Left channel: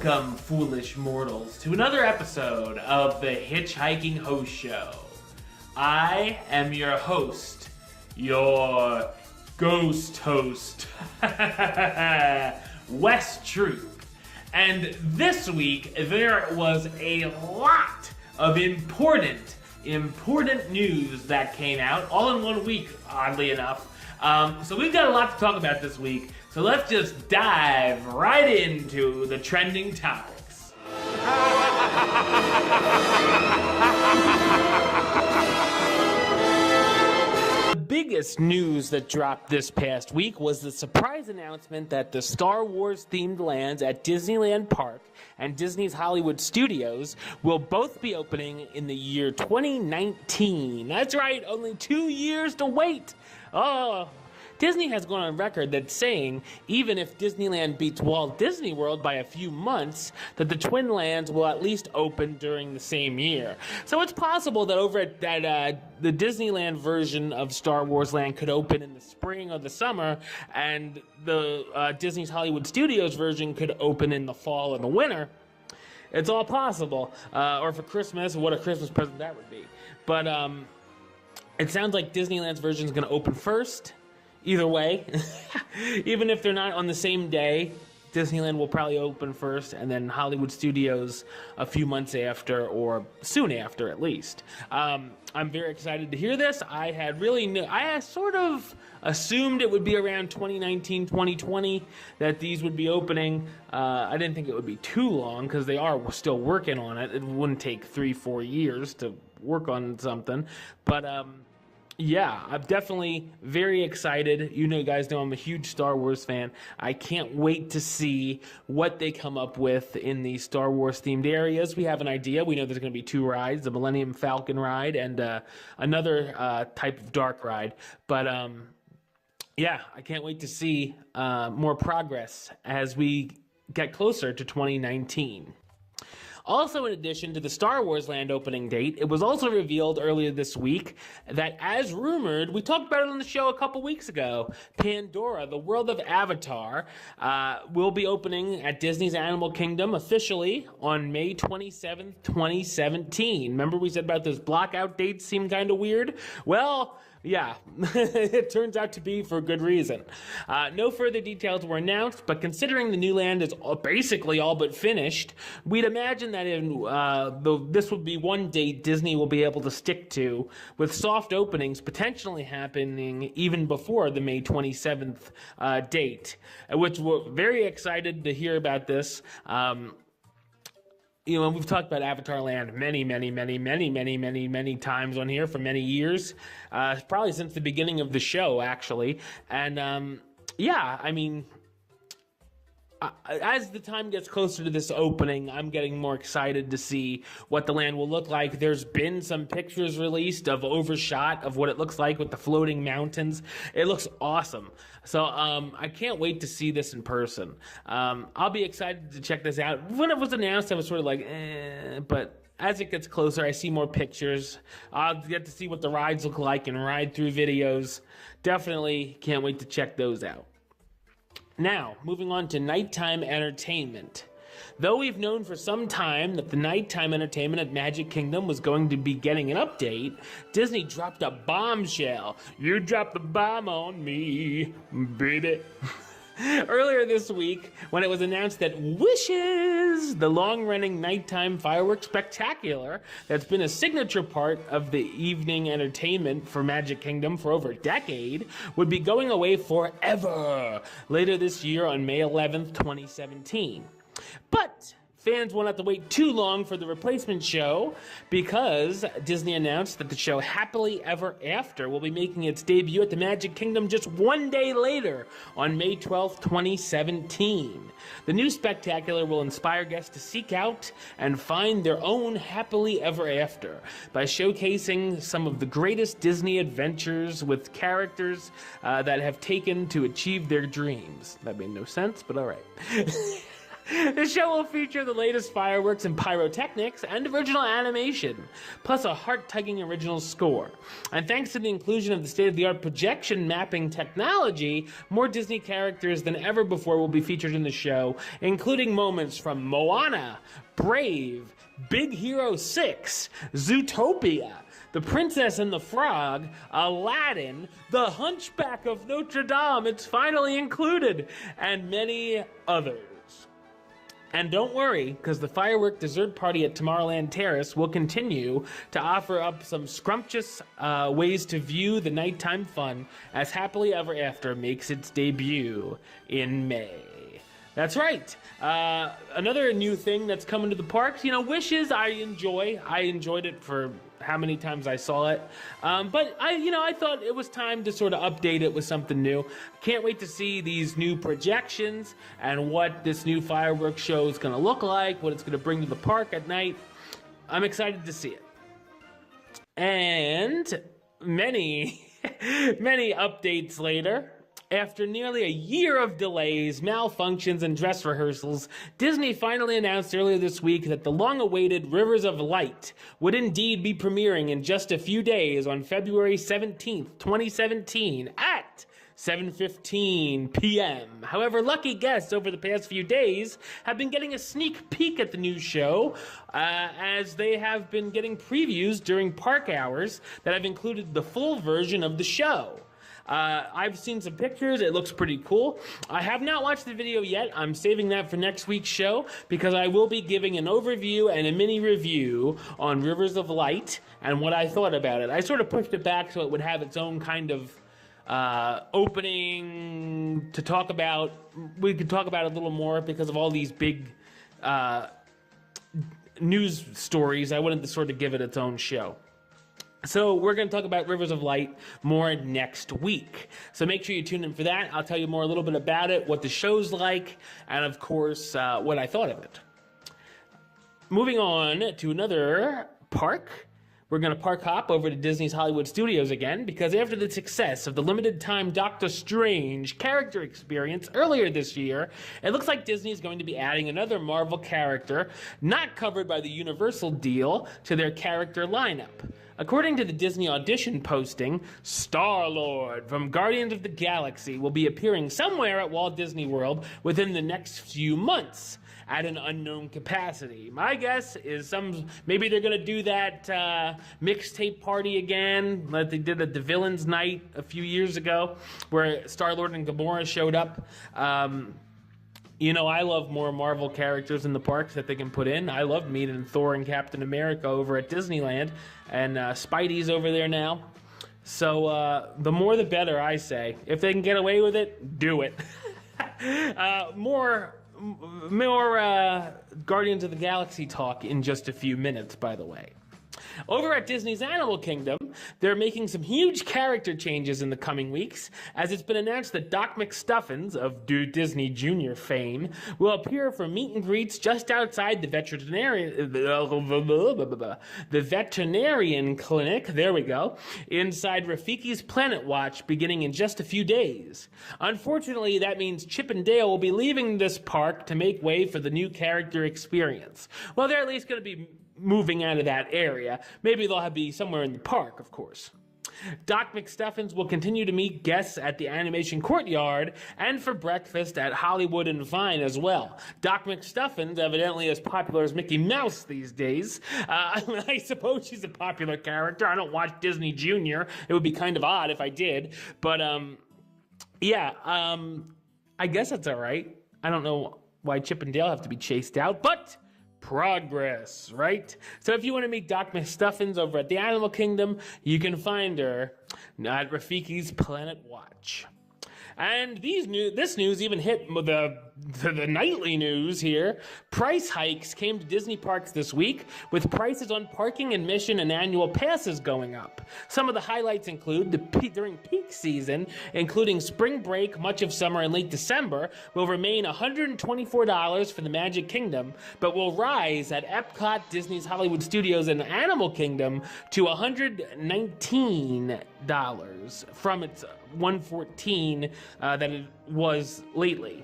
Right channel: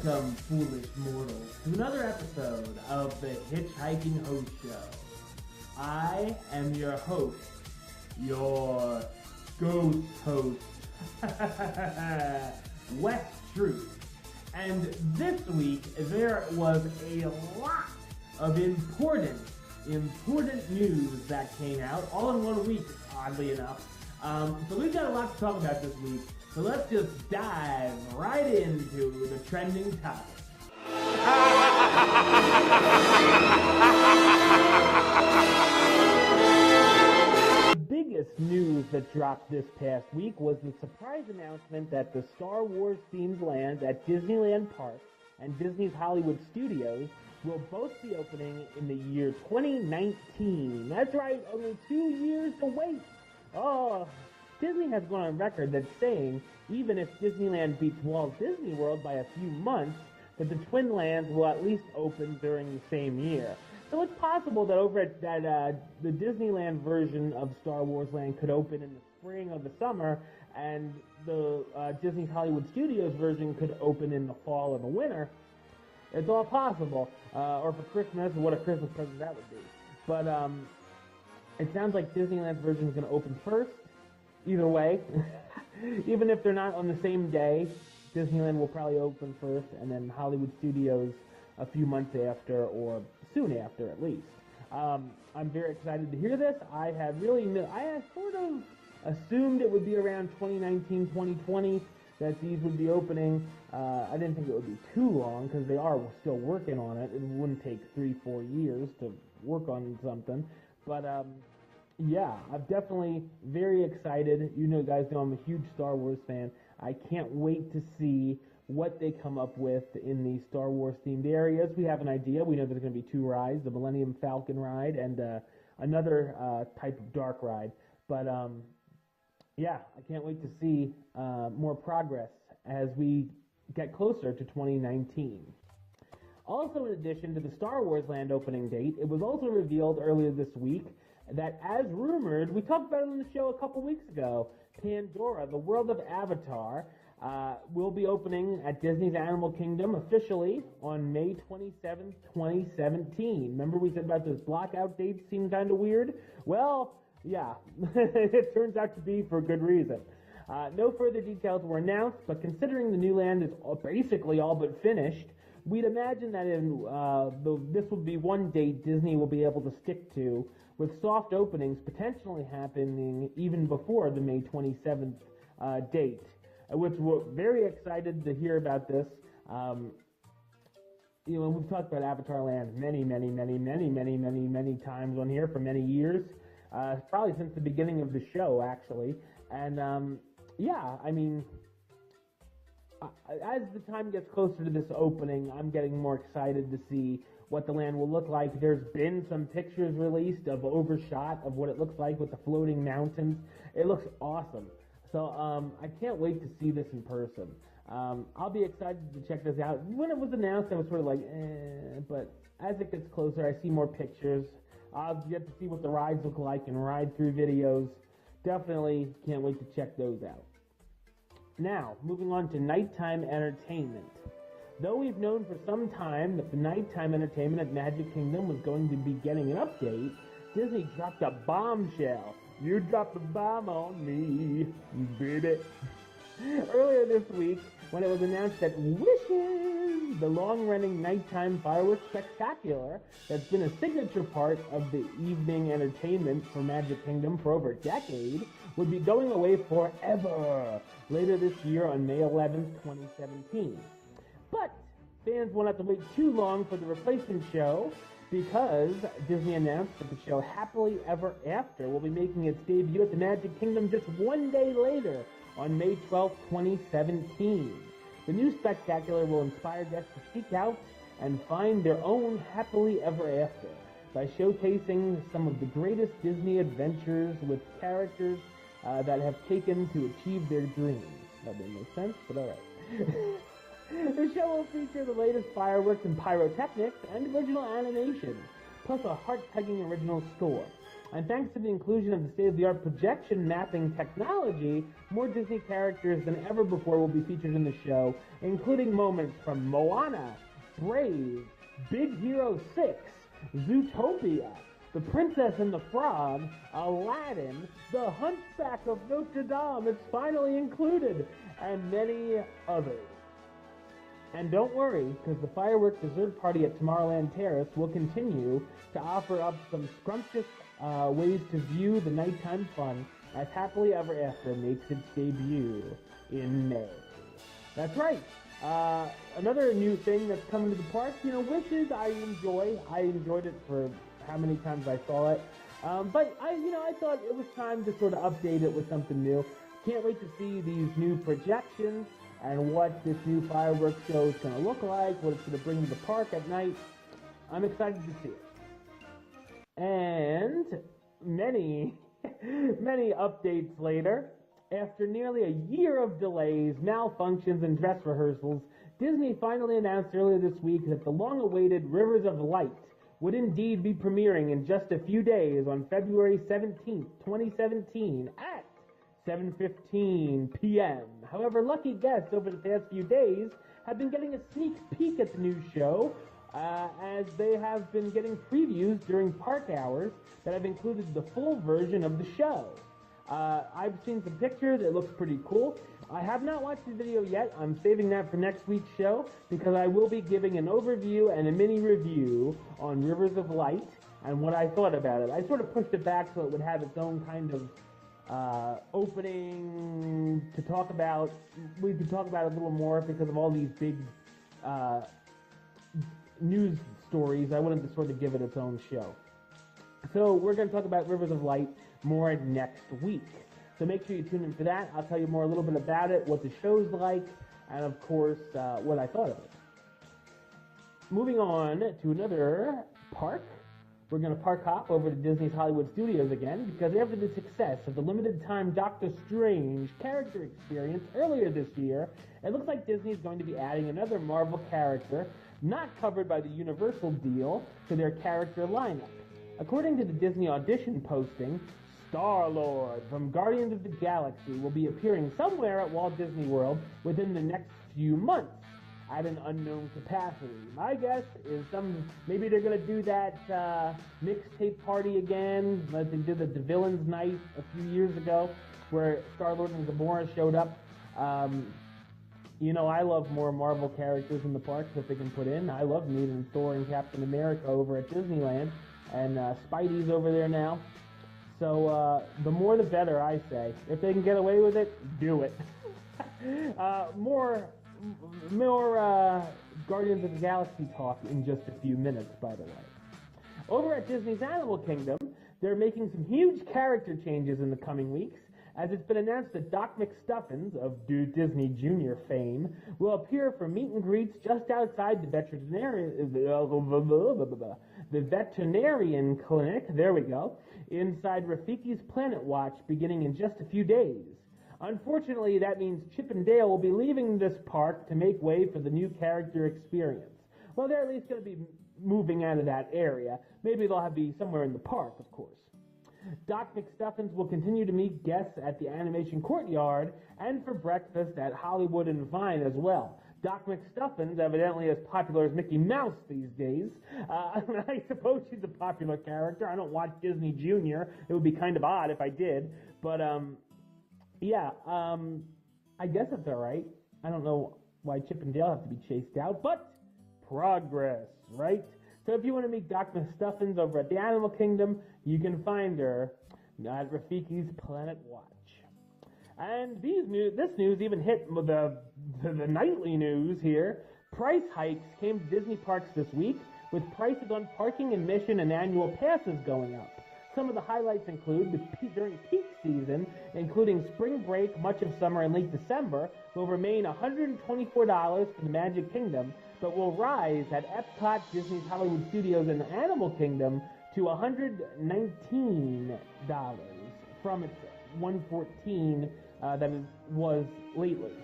Welcome, foolish mortals, to another episode of the Hitchhiking Host Show. I am your host, your ghost host, Wes Troop. And this week, there was a lot of important news that came out, all in 1 week, oddly enough. So we've got a lot to talk about this week. So let's just dive right into the trending topics. The biggest news that dropped this past week was the surprise announcement that the Star Wars themed lands at Disneyland Park and Disney's Hollywood Studios will both be opening in the year 2019. That's right, only 2 years to wait. Oh, Disney has gone on record that saying, even if Disneyland beats Walt Disney World by a few months, that the twin lands will at least open during the same year. So it's possible that the Disneyland version of Star Wars Land could open in the spring or the summer, and the Disney's Hollywood Studios version could open in the fall or the winter. It's all possible. Or for Christmas, what a Christmas present that would be. But it sounds like Disneyland's version is going to open first. Either way, even if they're not on the same day, Disneyland will probably open first, and then Hollywood Studios a few months after, or soon after at least. I'm very excited to hear this. I had sort of assumed it would be around 2019, 2020 that these would be opening. I didn't think it would be too long because they are still working on it. It wouldn't take 3-4 years to work on something, but yeah, I'm definitely very excited. You guys know I'm a huge Star Wars fan. I can't wait to see what they come up with in the Star Wars themed areas. We have an idea. We know there's going to be 2 rides, the Millennium Falcon ride and another type of dark ride. But yeah, I can't wait to see more progress as we get closer to 2019. Also, in addition to the Star Wars Land opening date, it was also revealed earlier this week that, as rumored, we talked about it on the show a couple weeks ago, Pandora, the world of Avatar, will be opening at Disney's Animal Kingdom officially on May 27th, 2017. Remember we said about those blockout dates seemed kind of weird? Well, yeah, it turns out to be for good reason. No further details were announced, but considering the new land is basically all but finished, we'd imagine that this would be one date Disney will be able to stick to, with soft openings potentially happening even before the May 27th date, which we're very excited to hear about this. We've talked about Avatar Land many times on here for many years, probably since the beginning of the show, actually. And yeah, I mean, as the time gets closer to this opening, I'm getting more excited to see what the land will look like. There's been some pictures released of overshot of what it looks like with the floating mountains. It looks awesome. So I can't wait to see this in person. I'll be excited to check this out. When it was announced, I was sort of like, but as it gets closer, I see more pictures. I'll get to see what the rides look like and ride through videos. Definitely can't wait to check those out. Now, moving on to nighttime entertainment. Though we've known for some time that the nighttime entertainment at Magic Kingdom was going to be getting an update, Disney dropped a bombshell. You dropped the bomb on me, baby. Earlier this week, when it was announced that Wishes, the long-running nighttime fireworks spectacular that's been a signature part of the evening entertainment for Magic Kingdom for over a decade, would be going away forever later this year on May 11th, 2017. But fans won't have to wait too long for the replacement show, because Disney announced that the show Happily Ever After will be making its debut at the Magic Kingdom just 1 day later on May 12th, 2017. The new spectacular will inspire guests to seek out and find their own happily ever after by showcasing some of the greatest Disney adventures with characters that have taken to achieve their dreams. That made no sense, but all right. The show will feature the latest fireworks and pyrotechnics and original animation, plus a heart-tugging original score. And thanks to the inclusion of the state-of-the-art projection mapping technology, more Disney characters than ever before will be featured in the show, including moments from Moana, Brave, Big Hero 6, Zootopia, The Princess and the Frog, Aladdin, The Hunchback of Notre Dame, it's finally included, and many others. And don't worry, because the firework dessert party at Tomorrowland Terrace will continue to offer up some scrumptious ways to view the nighttime fun as Happily Ever After makes its debut in May. That's right. Another new thing that's coming to the parks, Wishes I enjoy. I enjoyed it for how many times I saw it. But I thought it was time to sort of update it with something new. Can't wait to see these new projections and what this new fireworks show is going to look like, what it's going to bring to the park at night. I'm excited to see it. And many, many updates later. After nearly a year of delays, malfunctions, and dress rehearsals, Disney finally announced earlier this week that the long-awaited Rivers of Light would indeed be premiering in just a few days on February 17th, 2017 at 7:15 p.m. However, lucky guests over the past few days have been getting a sneak peek at the new show, as they have been getting previews during park hours that have included the full version of the show. I've seen some pictures. It looks pretty cool. I have not watched the video yet. I'm saving that for next week's show because I will be giving an overview and a mini review on Rivers of Light and what I thought about it. I sort of pushed it back so it would have its own kind of opening to talk about. We could talk about it a little more because of all these big news stories. I wanted to sort of give it its own show. So we're going to talk about Rivers of Light more next week. So make sure you tune in for that. I'll tell you more a little bit about it, what the show's like, and of course, what I thought of it. Moving on to another park. We're going to park hop over to Disney's Hollywood Studios again, because after the success of the limited-time Doctor Strange character experience earlier this year, it looks like Disney is going to be adding another Marvel character not covered by the Universal deal to their character lineup. According to the Disney audition posting, Star-Lord from Guardians of the Galaxy will be appearing somewhere at Walt Disney World within the next few months at an unknown capacity. My guess is maybe they're going to do that mixtape party again, like they did at the Villains Night a few years ago, where Star-Lord and Gamora showed up. I love more Marvel characters in the parks that they can put in. I love meeting Thor and Captain America over at Disneyland. And Spidey's over there now. So the more the better, I say. If they can get away with it, do it. More Guardians of the Galaxy talk in just a few minutes, by the way. Over at Disney's Animal Kingdom, they're making some huge character changes in the coming weeks, as it's been announced that Doc McStuffins, of Disney Junior fame, will appear for meet and greets just outside the veterinarian clinic, there we go, inside Rafiki's Planet Watch, beginning in just a few days. Unfortunately, that means Chip and Dale will be leaving this park to make way for the new character experience. Well, they're at least going to be moving out of that area. Maybe they'll be somewhere in the park, of course. Doc McStuffins will continue to meet guests at the Animation Courtyard and for breakfast at Hollywood and Vine as well. Doc McStuffins, evidently as popular as Mickey Mouse these days. I suppose she's a popular character. I don't watch Disney Junior. It would be kind of odd if I did. But, I guess that's all right. I don't know why Chip and Dale have to be chased out, but progress, right? So if you want to meet Doc McStuffins over at the Animal Kingdom, you can find her at Rafiki's Planet Watch. And this news even hit the nightly news here. Price hikes came to Disney parks this week, with prices on parking, admission, and annual passes going up. Some of the highlights include during peak season, including spring break, much of summer, and late December, will remain $124 for the Magic Kingdom, but will rise at Epcot, Disney's Hollywood Studios, and Animal Kingdom to $119 from its $114 that it was lately.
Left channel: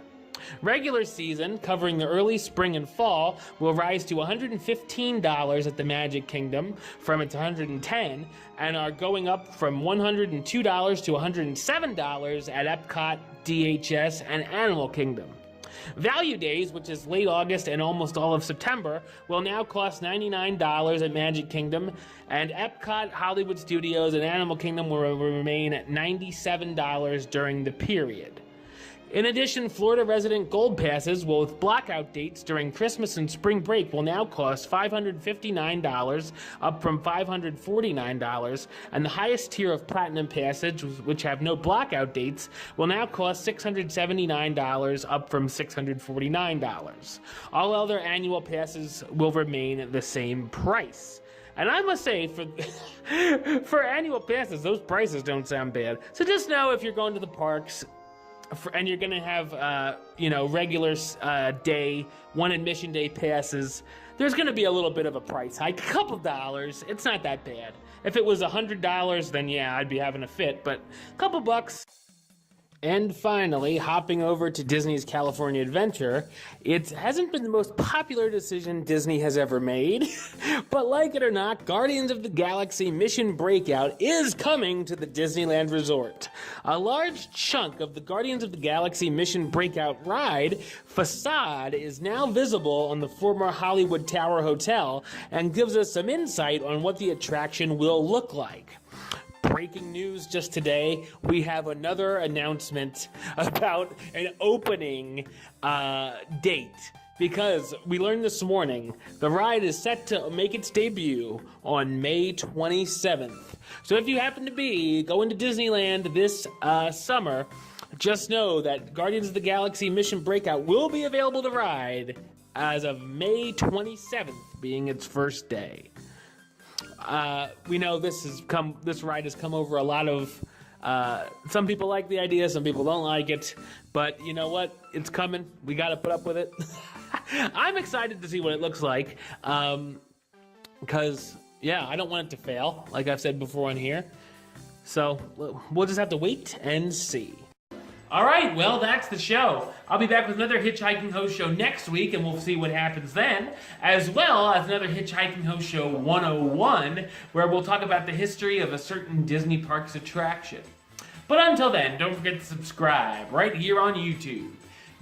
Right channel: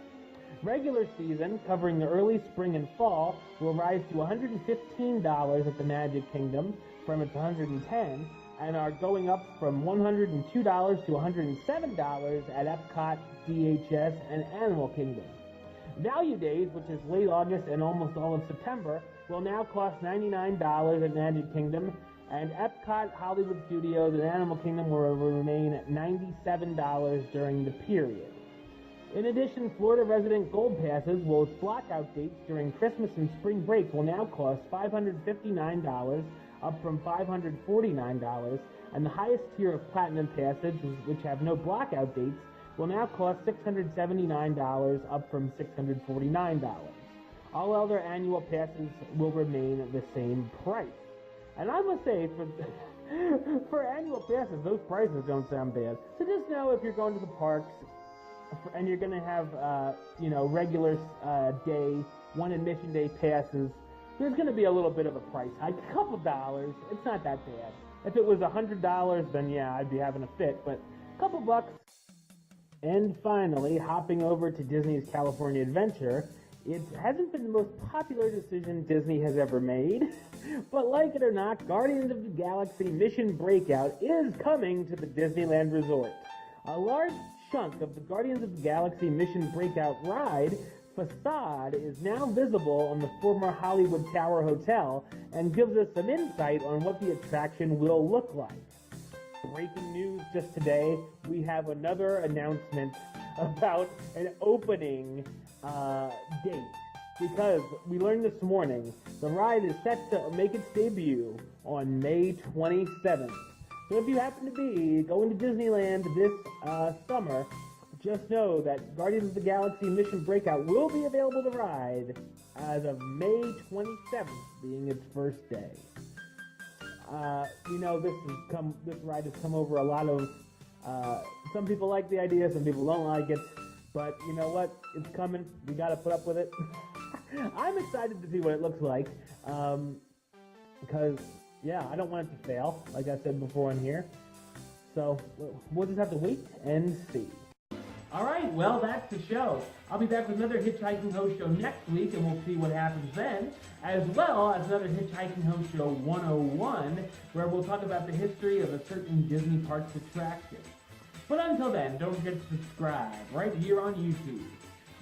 Regular season, covering the early spring and fall, will rise to $115 at the Magic Kingdom from its $110, and are going up from $102 to $107 at Epcot, DHS, and Animal Kingdom. Value Days, which is late August and almost all of September, will now cost $99 at Magic Kingdom, and Epcot, Hollywood Studios, and Animal Kingdom will remain at $97 during the period. In addition, Florida resident Gold Passes with blackout dates during Christmas and spring break will now cost $559, up from $549, and the highest tier of Platinum Passes, which have no blackout dates, will now cost $679, up from $649. All other annual passes will remain the same price. And I must say, for annual passes, those prices don't sound bad. So just know if you're going to the parks, and you're gonna have, regular day, one admission day passes, there's gonna be a little bit of a price hike, a couple dollars. It's not that bad. If it was $100, then yeah, I'd be having a fit, but a couple bucks. And finally, hopping over to Disney's California Adventure, it hasn't been the most popular decision Disney has ever made, but like it or not, Guardians of the Galaxy Mission Breakout is coming to the Disneyland Resort. A large chunk of the Guardians of the Galaxy Mission Breakout ride, Facade, is now visible on the former Hollywood Tower Hotel and gives us some insight on what the attraction will look like. Breaking news just today, we have another announcement about an opening date, because we learned this morning the ride is set to make its debut on May 27th. So if you happen to be going to Disneyland this summer, just know that Guardians of the Galaxy Mission Breakout will be available to ride as of May 27th, being its first day. We know this ride has come over a lot of, some people like the idea, some people don't like it, but you know what? It's coming. We got to put up with it. I'm excited to see what it looks like, because, yeah, I don't want it to fail, like I've said before on here. So we'll just have to wait and see. All right, well, that's the show. I'll be back with another Hitchhiking Host Show next week, and we'll see what happens then, as well as another Hitchhiking Host Show 101, where we'll talk about the history of a certain Disney Parks attraction. But until then, don't forget to subscribe right here on YouTube,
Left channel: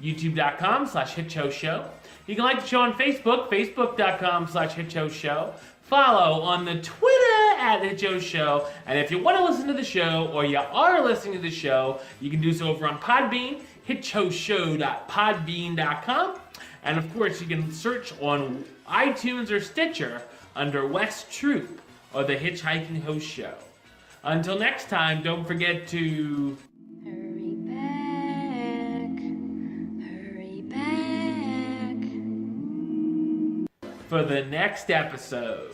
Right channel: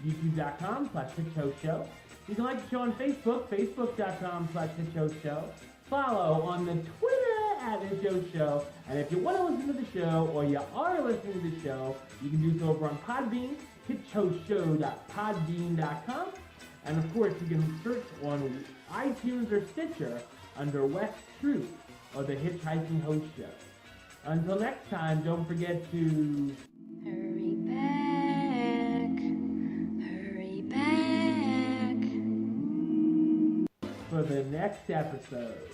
youtube.com/HitchHostShow. You can like the show on Facebook, facebook.com/HitchHostShow. Follow on the Twitter @HitchHostShow. And if you want to listen to the show, or you are listening to the show, you can do so over on Podbean, hitchhostshow.podbean.com. And of course, you can search on iTunes or Stitcher under West Troop or the Hitchhiking Host Show. Until next time, don't forget to hurry back for the next episode.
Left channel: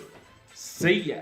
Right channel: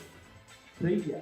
See ya.